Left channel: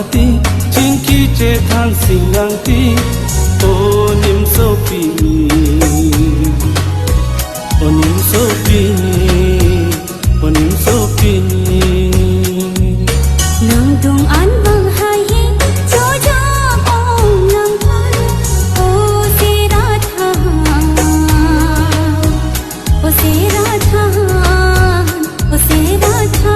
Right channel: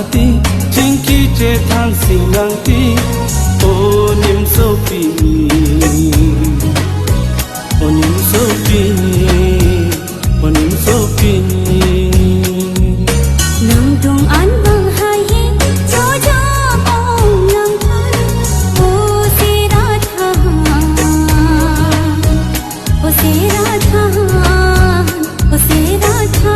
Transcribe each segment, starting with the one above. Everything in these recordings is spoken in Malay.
thati chinki che thang singang ti onim sopi onim sopi onim sopi nang dung an bang hai cho cho ong nang than o se ra tha o se ra tha o se ra tha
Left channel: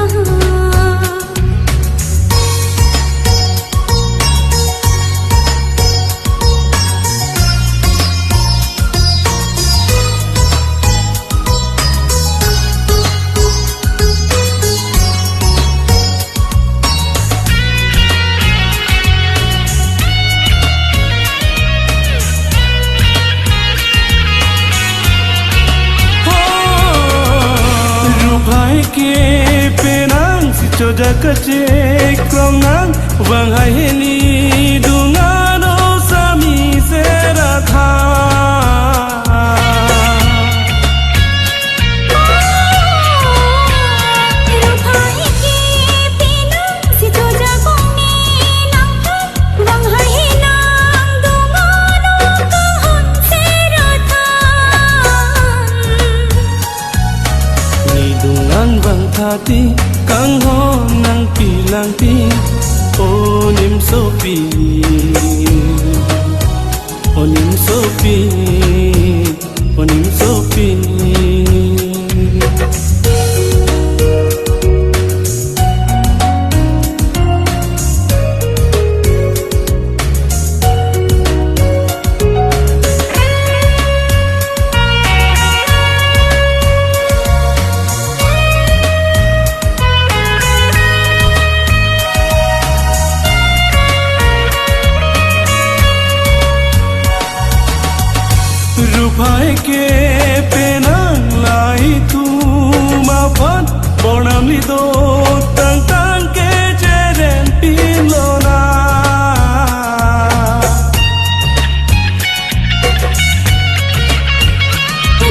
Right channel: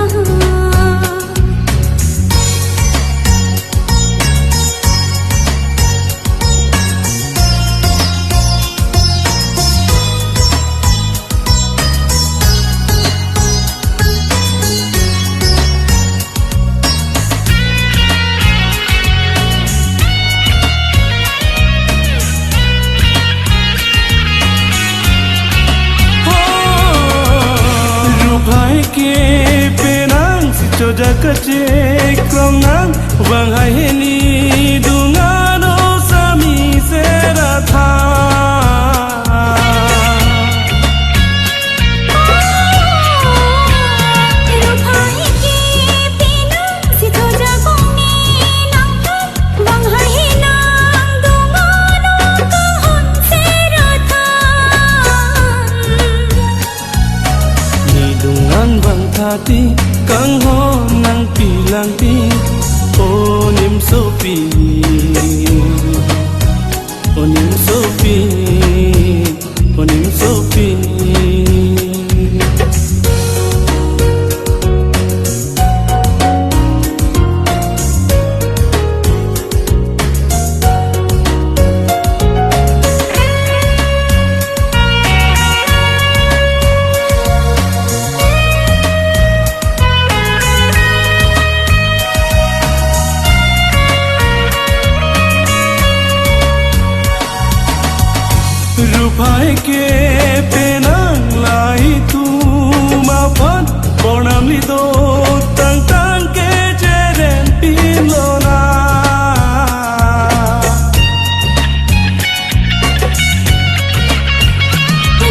ke penang si coja kace krong nang wang hai ni dungan o sami sera tha dungan bang thati kang ho nang pilang ti onim sopi onim sopi onim sopi रूपाय के penang lai tu ma phat bonam li do tang tang ke jeren pilona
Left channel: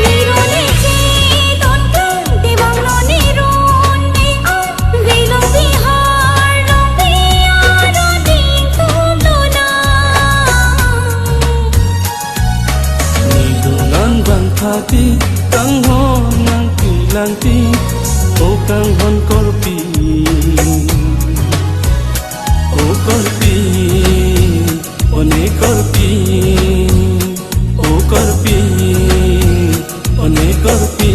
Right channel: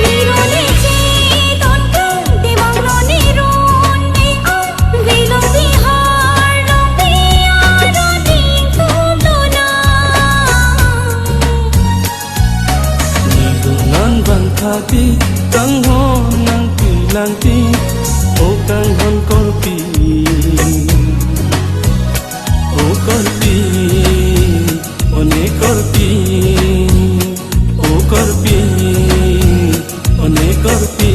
ni ro ni chi don kang ti bang lo ni ron ni a vi long vi har long vi a ro ding tu lo na dungan bang thati kang ho nang pilang ti o kang hon korpi o korpi one korpi o korpi one korpi